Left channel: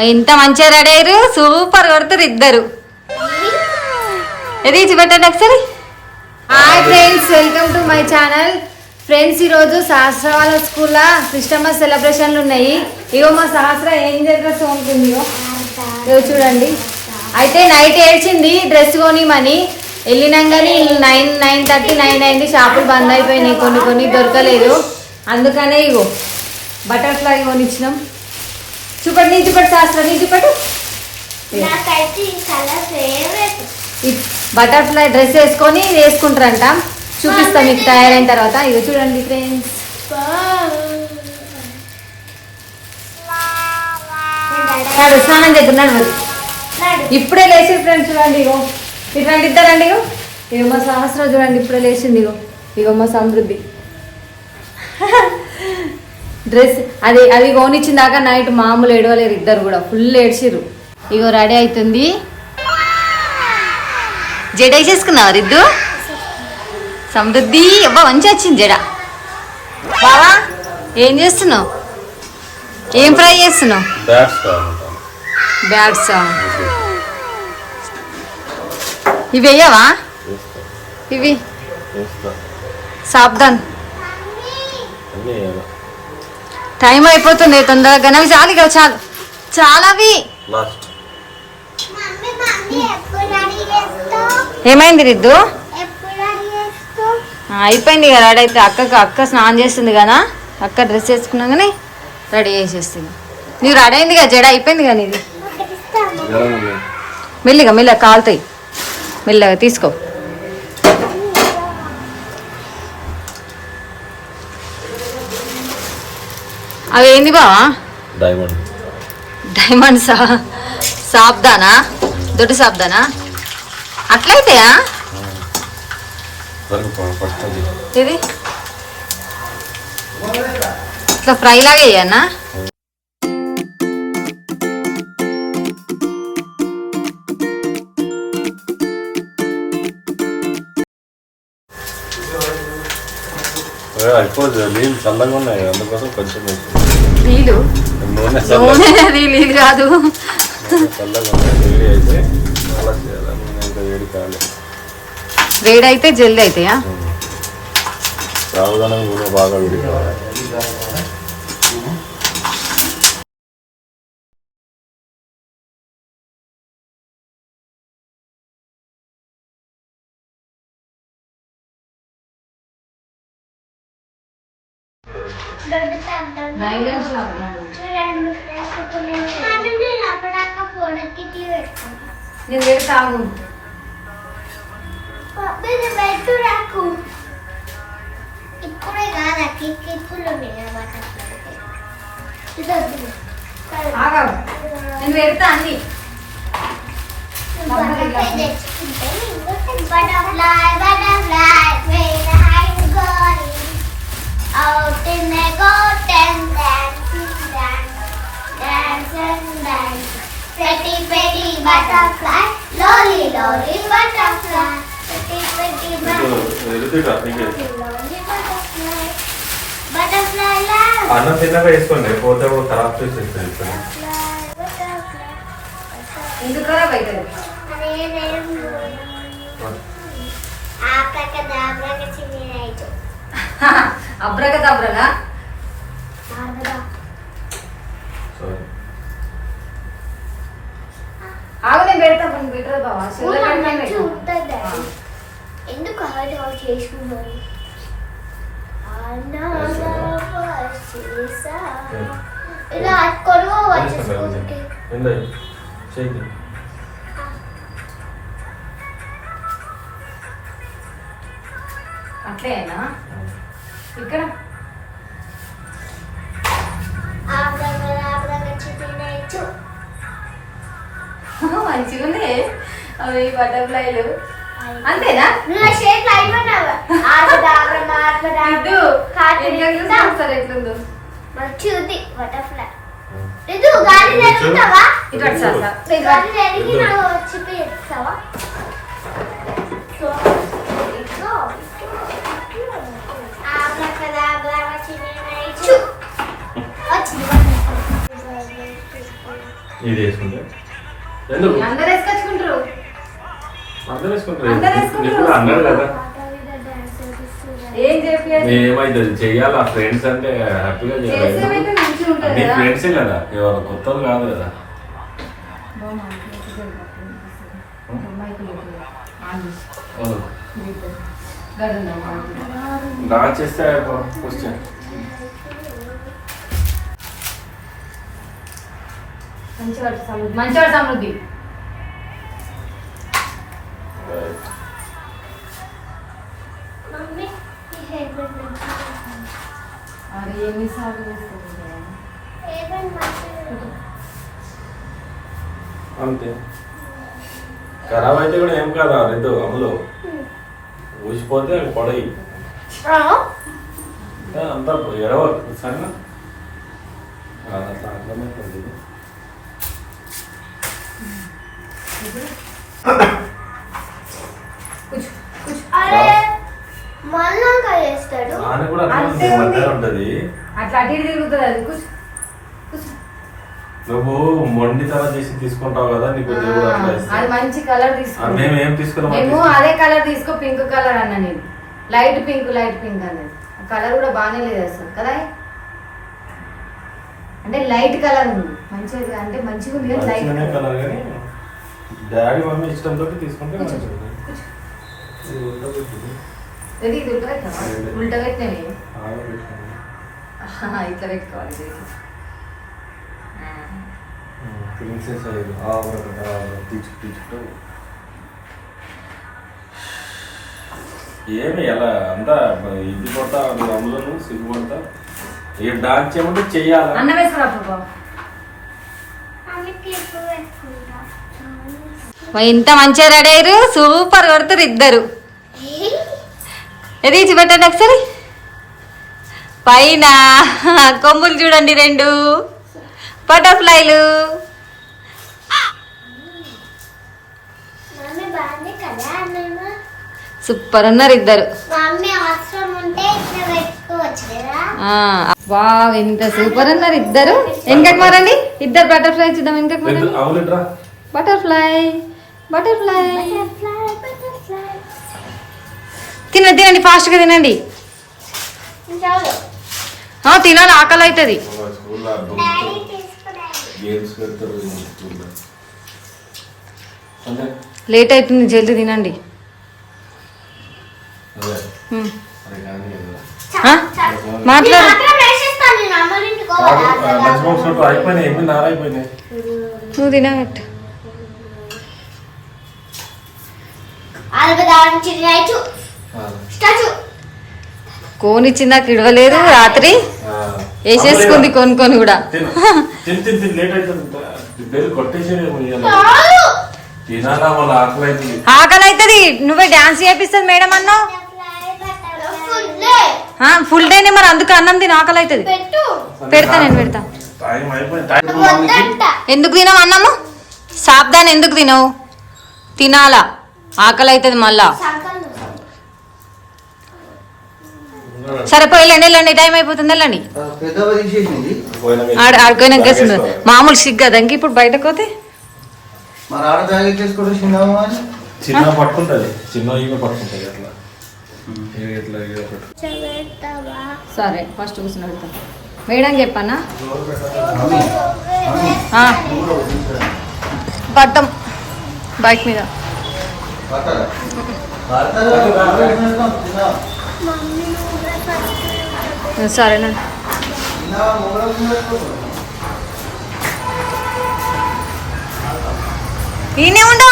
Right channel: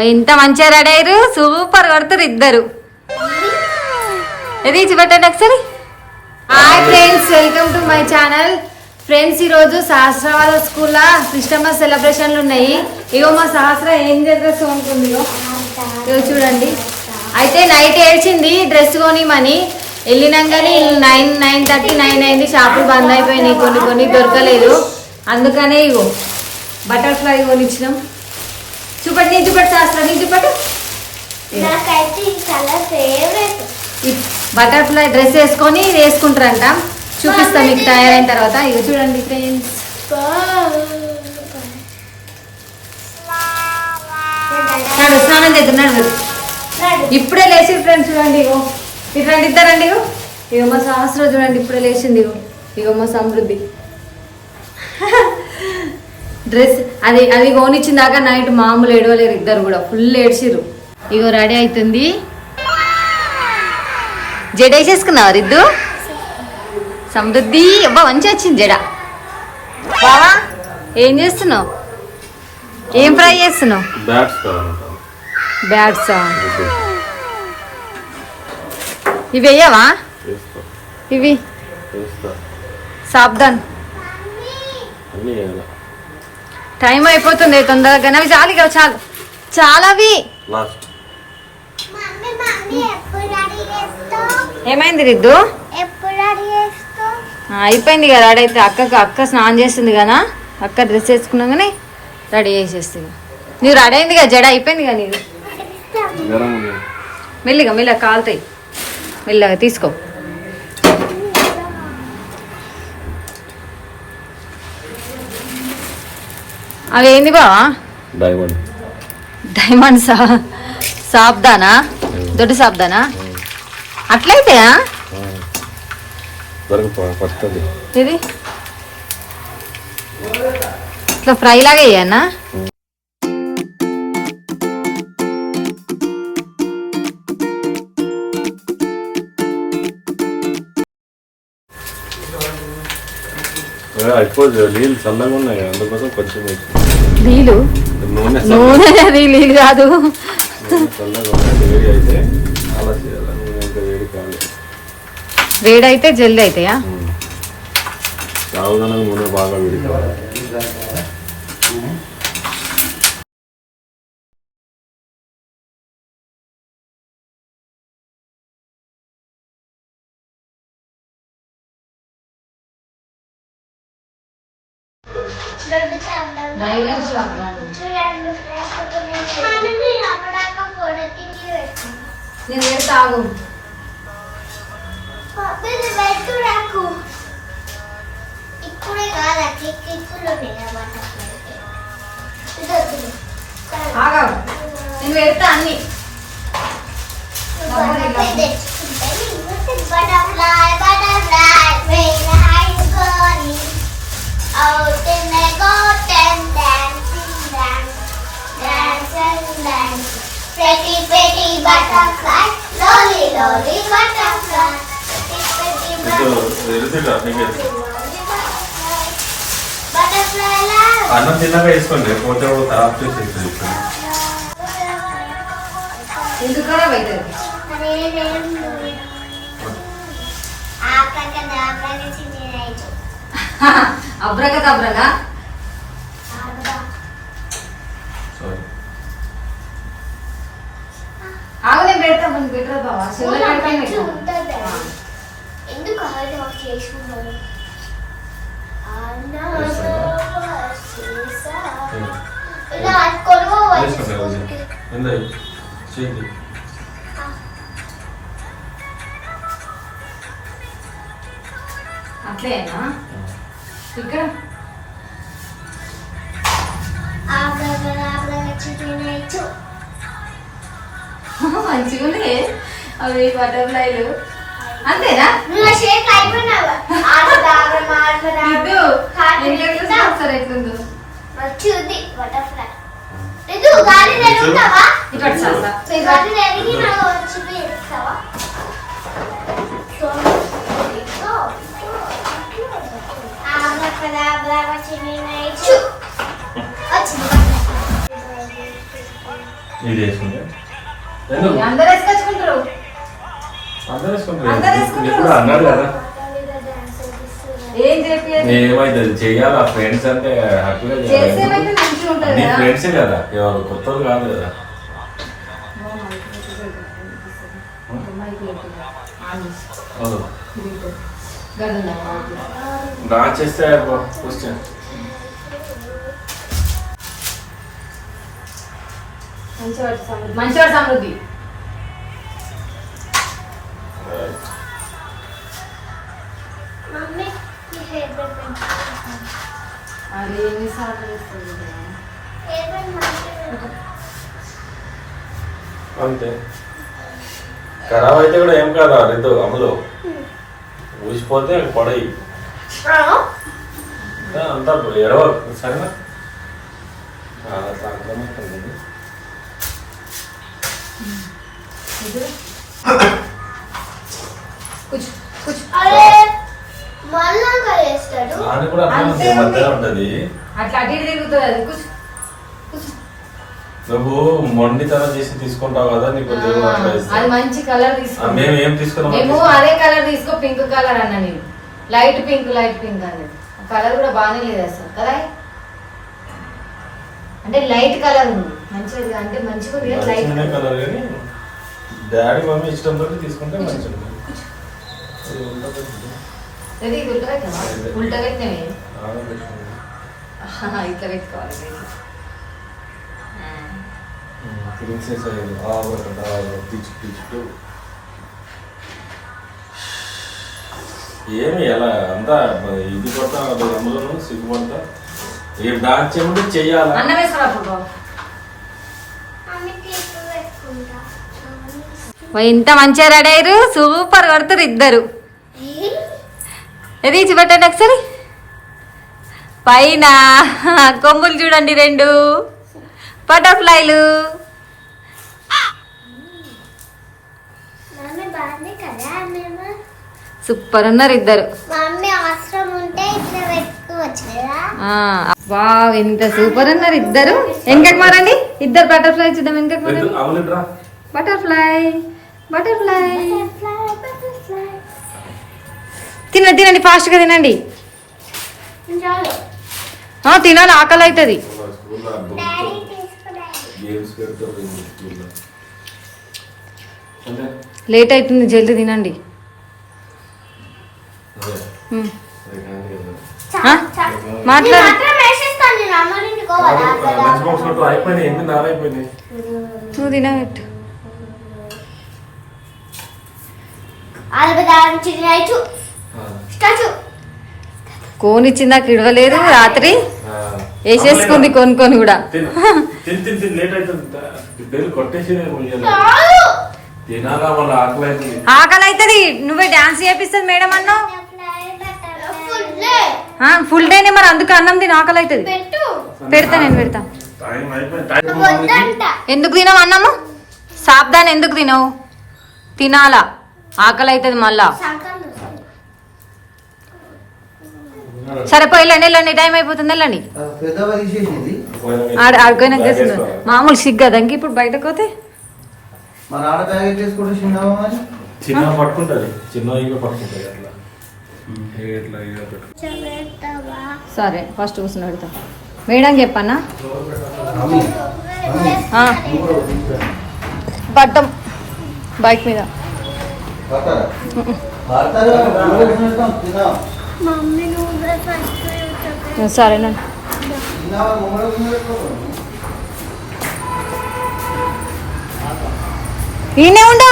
ఇంత మంచిగా రెడీ అయ్యారు, సూపర్ కొడతారు ఇద్దరు. ఇది పెట్టండి ఒకసారి. Hi friends, welcome to my channel. Friends, ఈరోజు సహస్ర వాళ్ళ స్కూల్లో క్రిస్టమస్ సెలబ్రేషన్లు ఉన్నాయి. ఇగో మా సహస్ర ఏం డ్రెస్ ఉంటుంది చూడండి. అయితే నైట్ ఏడ్చింది డ్రెస్ కొనిమని. వెళ్ళినాకని 9:30, 9 అయింది. షాపులు బంద్ అయిపోయినాయి, కొన్ని దొరకలేదు. అందుకనే ఇగో బటర్ఫ్లై కొనిచ్చినాం. చూపటి నీ చూపటి సహస్ర, నీ చూపటి. బటర్ఫ్లై డ్రెస్ వేసుకొని వేసుకుంటారంట. చూపిస్తాం మీకు తయారైన తర్వాత. ఇక చూడండి ఫ్రెండ్స్, స్నానం చేస్తున్నాడు ఇప్పుడే లేచి. ఫ్రెండ్స్ చూడండి, ఇగో ఇట్లాంటి ఇద్దరండి. ఇగో మా సహస్రం చూడండి ఇప్పుడే లేచింది. ఇగో మా సమృద్ధి డ్రెస్ అది కొనిచ్చిన దాకా నైట్ మామూలు ఏడవలేరు ఇద్దరు కూడా, ఫుల్ ఏడ్చిరు. ఇగో రెడీ అవుతుంది. జడ వేసేసుకున్నావు రిద్దు? సమృద్ధి అబ్బా మంచి వచ్చింది జడ. బావా ఏం చేస్తున్నావు? ఏం ఫ్రై చేస్తున్నావు? బ్యాట్సా? ఇవి వేయవా? ఇవి సాబ్దాన్. టైం అయిపోతుంది తొందరగా. అవి చాలు కదా, చాలు చాలా. అవి ఏమైంది రిద్దు? అయిపోయింది కదా రెడీ అయితే. అక్క స్నానం చేస్తుంది కదా, అక్క డ్రెస్ వేసుకున్నాగానే రెడీ చేసేస్తుంది. నువ్వు రెడీ అయింది కదా, జడ అయిపోయింది కదా నీది. మెల్లిగా కాలుతాయి, మెల్లగా తీసుకో. అవి ఏంది బావా? డైమండ్సా? సాబ్దానా? దొడ్డు సాబ్దానా? అట్లయితాయా? ఇది ఇట్లా ఫ్రై లాగా వేయన్నా? నీళ్ళు చల్లగా ఉన్నాయి, అందుకోసం కొంచెం నీళ్ళు నూనె. అది నీళ్ళు కాదు, వేడైతే జల్దీ అవుతాయా? నూనె బాగా వేడి కావాలి. నేను పెడతా అన్ని. Out in the garden, dancing, dancing, dancing. Pretty, pretty butterfly, lolly, lolly butterfly. Pretty, pretty butterfly. Butterfly love. అన్నం తిన్నాక వేసుకోండి, పోతే ఖరాబ్ చేసేస్తుంది. ఇప్పుడు ఇది ఖరాబ్ అవుతుంది. అబ్రగదబ్రనా? ఆగు, నేను పెడతా. ముందు బెటర్ బావా. ఎందుకు చేసుకున్నాను? అట్లేనా? ఇక్కడ మంచిగా ఉంది. అవి బటర్ఫ్లైలు అంతేనా? మంచిది బటర్ఫ్లై. గాలి జరుగుతావా? చూపిస్తావా? ఇది వేసుకుంటే ఎందుకు అందరు వేసుకొచ్చుకుంటారు. అందరూ వేసుకుంటారు అందరూ వేసుకుంటారు. నీకు కూడా అన్నాడు కదా ఏం చెప్పి ఏమైతుంది చెయ్యాలి ఆ ఫ్రెండ్స్ అంటే హ్యాపీగా చేయాలి చేసేవైతే మంచిగా ఉంటుంది నీ కదా. ఫ్రెండ్సే కదా ఎవరు కొత్తలు కాదు కదా అవును. నా చేస్తే క్వశ్చన్ మంచివాడు సమృద్ధి. మమ్మీ ఈ హెయిర్ బ్యాండ్ పెట్టుకుంటాను. అది ఎన్నిసార్లు వేస్తుంది కదా. హెయిర్ బ్యాండ్ మంచిగా అంతే ఖరాబ్ అయితే కూడా ఏం కాదా రేపు అమలు ఊసిపోతే పడయి అంతా ఎడవ సరేనా అట్లా అర్థమవుతుంది అరే మళ్ళా చేస్తాడు. దాని కూడా అట్లా అంతే ఉంటుంది, ఉంది. మధ్య ఉంటుంది అట్లా అటు ఇటు తిరుగుతుంది అది. కూర్చో. నువ్వు మొండితనం చేసి తీసుకుంటావు కదా నీకు దేవుడు అట్లా అది ఇస్తాడు. మంచి కలర్ తీసుకో. మేము ఏం తీసుకున్నాం మేము అదే కలర్ తీసుకో, పింక్ కలర్ అన్న నేను. లైట్ పింక్ అన్నది. కలర్ కూడా బాగానే లేదు అసలు కదా. అంటే లైట్ కలర్ ఉంది మంచిగా, అంటే మంచిగా ఉంది కానీ లైట్ మంచిగానే కలర్ కానీ డాడీ మమ్మీ ఇష్టంతో తీసుకుంటే మంచిగా ఉంటుంది. ఇది ఉండదు. ఇది ఉల్టా పెట్టావా? ఉల్టా పెట్టినవి ఆడబెట్టుకుంది. ఇట్లా పెట్టుకోవాలి. ప్రిన్సెస్ అయ్యేది తీర్చుకో ఏమి ఎలా అంతా ఇది కొడతా అమలు సిగ్గు కొడతా రేపు డాన్స్ చేయమంటే చెయ్యాలా అన్నం వేసుకోరా ఫోటో. అన్ని క్లిప్ వేసుకుంటా. ఇంత మంచిగా రెడీ అయ్యారు, సూపర్ కొడతారు ఇద్దరు. ఇది ఇచ్చి పెట్టండి ఒకసారి. పైన కొమ్ములు చూడండి, 2 బటర్ఫ్లైలు. మమ్మీ బాగుంది కదా మేము. సూపర్ ఉన్నారు ఇద్దరు. మమ్మీ అవసరం ఉంటే ఇట్లా పెట్టుకోవచ్చు కదా. వావ్, ఎంత సూపర్ ఉన్నారు ఇద్దరు. వెనకకి మారండి, ఇద్దరు బటర్ఫ్లై చూద్దాం. వెనకకి మారండి. అవునురా బటర్ఫ్లై బటర్ఫ్లై. Butterfly, butterfly. తినండి తినండి, ఫాస్ట్గా తినండి. చాలు. తినాలి, ఆకలి అవుతుంది. స్కూల్లో డాడీ తీసుకున్నాడు. గేమ్స్ పెడతారు స్కూల్లో అంటే లేట్ అవుతుంది, జల్దీ తినండి. అదే హ్మ్. మరి కాదు కదా. మాట్లాడు. మాత్రం వేసేస్తాను నేను అమ్మ ఇంటికి పోవాలా? లంచ్ బాక్స్ లో అయిపోయినాయి 8:30 అయిపోయినాయి నువ్వు తినబెట్టు. ఆల్బదాన్ చిన్నైచు స్టాచు. కోనిచ్చిందాక ఇడవలేదు, రాత్రి వేసేసుకుంది కొనుక్కొని కూడా. తిని లేట్ అవుతుంది కొట్టేసి చాలు. తినాలా వాళ్ళు ఆకలి అవుతుంది ఆకలి అవుతుంది. నువ్వే డాన్స్ చేపిస్తుంది మేడం అన్నావు. ఫుల్ డేనే మరి, అందుకు అన్నం తిని ఆకలి అవుతుంది. పెట్టు. పెడతా, నేను పెడతా. టైం అయిపోయింది వద్దంట. ఎందుకు తినవు అన్నము? సాబ్దాన్ ఎందుకు తినవు? తినాలా, ఆకలి అవుతుంది మళ్ళా. సంకల్లు. సరే పోయి వెళ్ళండి, వెళ్ళండి, టైం అయిపోతుంది, వెళ్ళండి. ఆడుకోయినా గేస్తుంది మామూలు సిగ్గు అదంకి. ఇప్పుడు బయటకు పోతే చిన్న పట్టుకుంటుంది చిన్న ఇక పట్టుకుంటుంది ఇట్లా ఇట్లా ఇట్లా పట్టుకుంటుంది. చెబెడతావా? సరే ఫస్ట్ కూర్చుని పెడతా. మేడం చెప్పన్నా పట్టం బైక్ మీద. మమ్మీ నువ్వే ఫస్ట్ సరేనండి. ఈయనే ఉండు.